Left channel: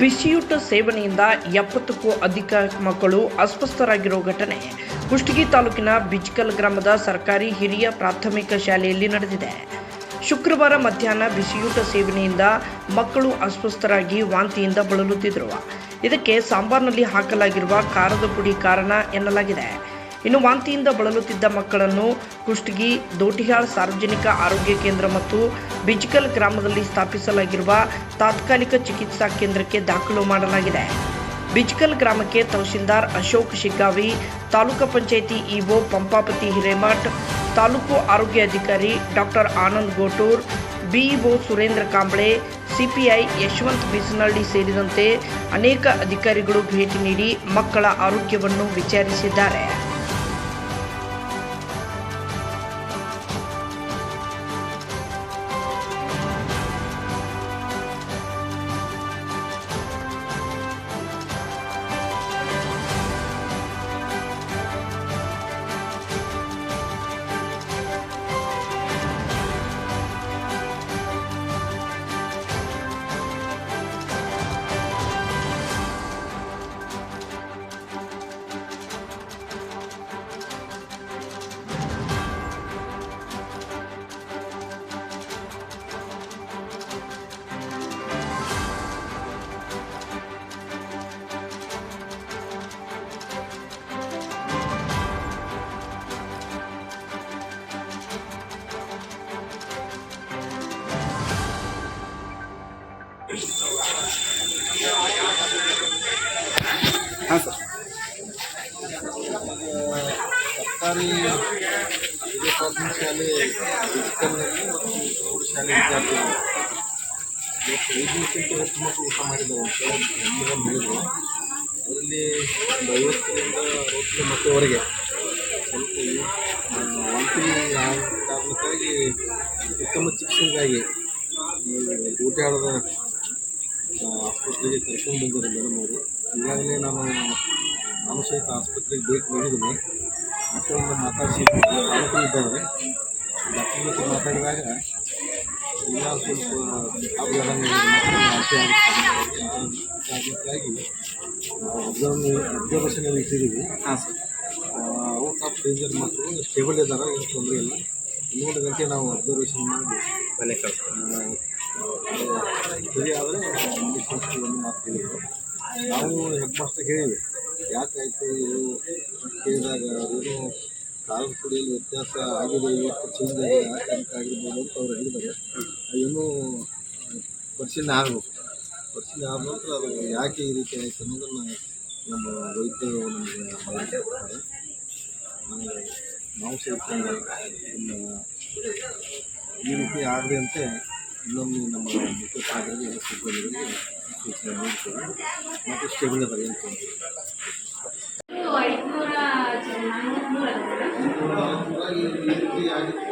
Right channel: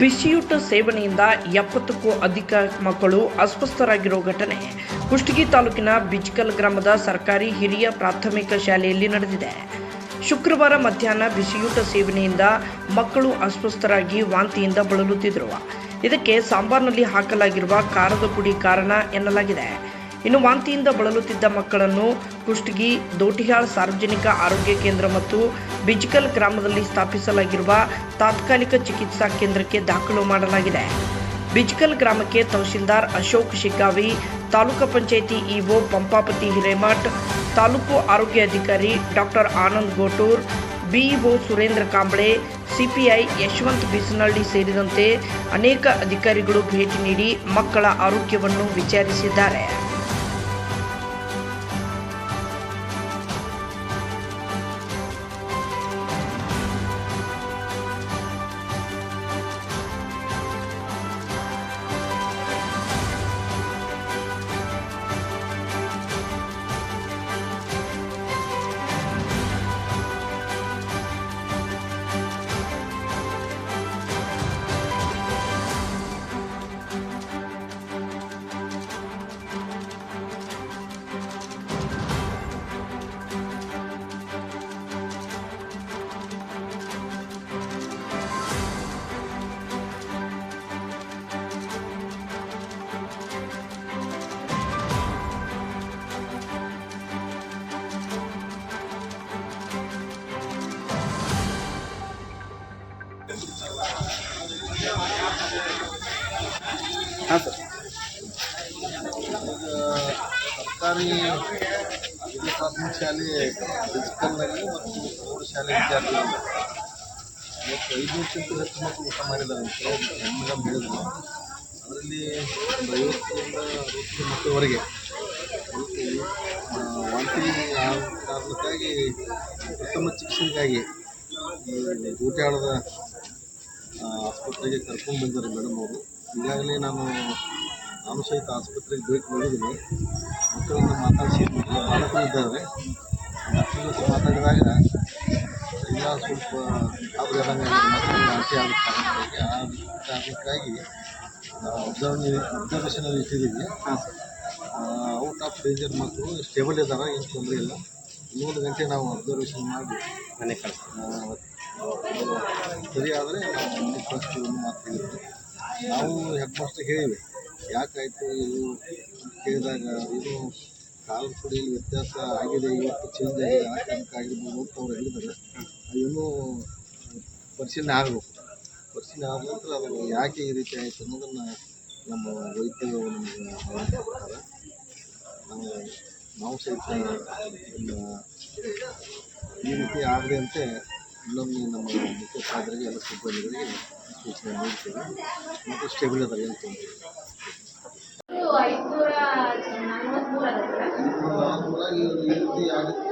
ಬಿಸಿಯೂಟ ಸೇವನೆಯಿಂದ 70ಕ್ಕೂ ಅಧಿಕ ಮಕ್ಕಳು ಅಸ್ವಸ್ಥರಾಗಿರೋ ಘಟನೆ ಕುಷ್ಟಗಿ ತಾಲೂಕಿನ ಬಿಜ್ಕಲ್ ಗ್ರಾಮದ ಸರ್ಕಾರಿ ಹಿರಿಯ ಪ್ರಾಥಮಿಕ ಶಾಲೆಯಲ್ಲಿ ನಡೆದಿದೆ. ಶುಕ್ರವಾರ ಮಧ್ಯಾಹ್ನ ಬಿಸಿಯೂಟ ಸೇವನೆಯಿಂದ ಮಕ್ಕಳು ಅಸ್ವಸ್ಥರಾಗಿ ವಾಂತಿಯಿಂದ ಬಳಲುತ್ತಿದ್ದರು. ಇದಕ್ಕೆ ಸಾಂಬಾರ್ನಲ್ಲಿ ಹಾಕಲಾಗಿರುವ ಖಾರದ ಪುಡಿ ಕಾರಣ ಎನ್ನಲಾಗಿದೆ. ಇನ್ನು ವಾಂತಿಯಿಂದ ಬಳಲುತ್ತಿದ್ದ ಮಕ್ಕಳನ್ನು ಕುಷ್ಟಗಿ ದೋಟಿಹಾಳ್ ಸಾರ್ವಜನಿಕ ಆರೋಗ್ಯ ಕೇಂದ್ರ ಮತ್ತು ಬಿಜ್ಕಲ್ ಗ್ರಾಮದಲ್ಲಿ ಸ್ಥಾಪಿಸಲಾಗಿರುವ ತಾತ್ಕಾಲಿಕ ಚಿಕಿತ್ಸಾ ಕೇಂದ್ರಕ್ಕೆ ದಾಖಲು ಮಾಡಲಾಗಿದೆ. ಬಿಜ್ಕಲ್ ಗ್ರಾಮಕ್ಕೆ ತಹಶೀಲ್ದಾರ್ ಅಶೋಕ್ ಶಿಗ್ಗಾವಿ, ತಾಲೂಕು ಪಂಚಾಯಿತಿ ಇಒ ಪಂಪಾಪತಿ ಹಿರೇಮಠ್, ತಾಲೂಕು ಆರೋಗ್ಯ ಅಧಿಕಾರಿ doctor Anand Gotur, BEO Surendra Kamble, CPI Yashwant Bisanahalli ಸೇರಿದಂತೆ ಅನೇಕ ಅಧಿಕಾರಿಗಳು ಭೇಟಿ ನೀಡಿ ಮಕ್ಕಳ ಆರೋಗ್ಯವನ್ನು ವಿಚಾರಿಸಿದ್ದಾರೆ. ಹಾಂ ಸರ್, ಸರ್ಕಾರಿ ಹಿರಿಯ ಪ್ರಾಥಮಿಕ ಶಾಲೆ ಬಿಜ್ಕಲ್ನಲ್ಲಿ ಮತ್ತು ಪ್ರೌಢಶಾಲೆ ವಿದ್ಯಾರ್ಥಿಗಳು ಇವತ್ತು 500ಕ್ಕಿಂತ ಹೆಚ್ಚು ಮಕ್ಕಳು ಊಟ ಮಾಡಿದ್ದಾರೆ ಅಂತ ಹೆಮ್ಮೆ ಹೇಳಿದರು. ಅದರಲ್ಲಿ ಒಂದು 50ರಿಂದ 60 ಮಕ್ಕಳವರೆಗೆ ಸ್ವಲ್ಪ ವಾಂತಿ ಆದ ಕಾರಣಕ್ಕಾಗಿ ಉತ್ತಮ ಚಿಕಿತ್ಸೆಗಾಗಿ ಈ ದೋಟಿಹಾಳದ ಆಸ್ಪತ್ರೆಗೆ ಕರ್ಕೊಂಡು ಬಂದಿದ್ದಾರೆ ಮೇಡಮ್ ಅವರು. ಈಗಾಗಲೇ ನಾನು ಸಹಿತ ಆಸ್ಪತ್ರೆಗೆ ಭೇಟಿ ನೀಡಿದ್ದೀನಿ. ಮಕ್ಕಳಿಂದ ಮಾತಾಡಿಸಿದ್ದೀನಿ, ಪಾಲಕರು ಇದ್ದಾರೆ. ಡಾಕ್ಟರ್ ಜೊತೆ ಮಾತಾಡಿದಾಗ ಇಲ್ಲ ಸ್ವಲ್ಪ ಆಬ್ರಂಗೆ ಮಕ್ಕಳು ವಾಂತಿ ಆಗುತ್ತೆ, ಆ ಕಾರಣಕ್ಕಾಗಿ ಅಬ್ಸರ್ವೇಷನಲ್ಲಿ ಇಟ್ಟಿದ್ದೀವಿ. ಔಟ್ ಆಫ್ ಡೇಂಜರ್ ಮಕ್ಕಳು ಸ್ಟೇಬಲ್ ಇದ್ದಾರೆ, ಏನು ತೊಂದರೆ ಇಲ್ಲ. 1 ಗಂಟೆ ನಾವು ಅಬ್ಸರ್ವೇಷನ್ ಮಾಡಿ ಮನೆ ಸರಿ ಆದರೆ ಮನೆ ಕಳಿಸ್ತೀವಿ ಅನ್ನೋ ಮಾತು ಹೇಳಿದ್ರು. ನಾವು ಹೆಡ್ ಮಾಸ್ಟರ್ಗೆ ಹೇಳಿವಿ, ಯಾಕಾಯಿತು ಇದು ಕೇಳಿದಾಗ ಏನು ಖಾರದ ಪುಡಿಯಲ್ಲಿ ವ್ಯತ್ಯಾಸ ಆಗಿದೆ, ಇವತ್ತು ಚೇಂಜ್ ಆಗಿದೆ, ಆ ಕಾರಣಕ್ಕೆ ಆಗಿರ್ಬೋದು ಅಂತ ಅವ್ರು ಹೇಳಿದಾಗ ಏನೂ ಪರಿಶೀಲನೆ ಆಗಬೇಕು. ಪರಿಶೀಲನೆ ಆದ ನಂತರ ಅದು ಯಾಕೆ ಈ ರೀತಿ ಆಯಿತು ಅನ್ನೋದನ್ನು ನಮ್ಮ ವೈದ್ಯರು ನಮಗೆ ಮಾಹಿತಿ ಕೊಡ್ತಾರೆ. ನಾವು ಸಹಿತ ಈ ರೀತಿ ಆಗದಂತೆ ಇನ್ನೊಮ್ಮೆ ನಮ್ಮ ಮುಖ್ಯ ಸಾಧನೆಗೆ ಎಲ್ಲ ಸಿಬ್ಬಂದಿಗಳಿಗೆ ಸೂಚನೆ ನೀಡ್ತೇವೆ ಮತ್ತು ಸ್ಟೇಬಲ್ ಅದಾವೆ ಏನು ತೊಂದರೆ. 543 ಈ ರೀತಿ ಆಗುತ್ತೆ.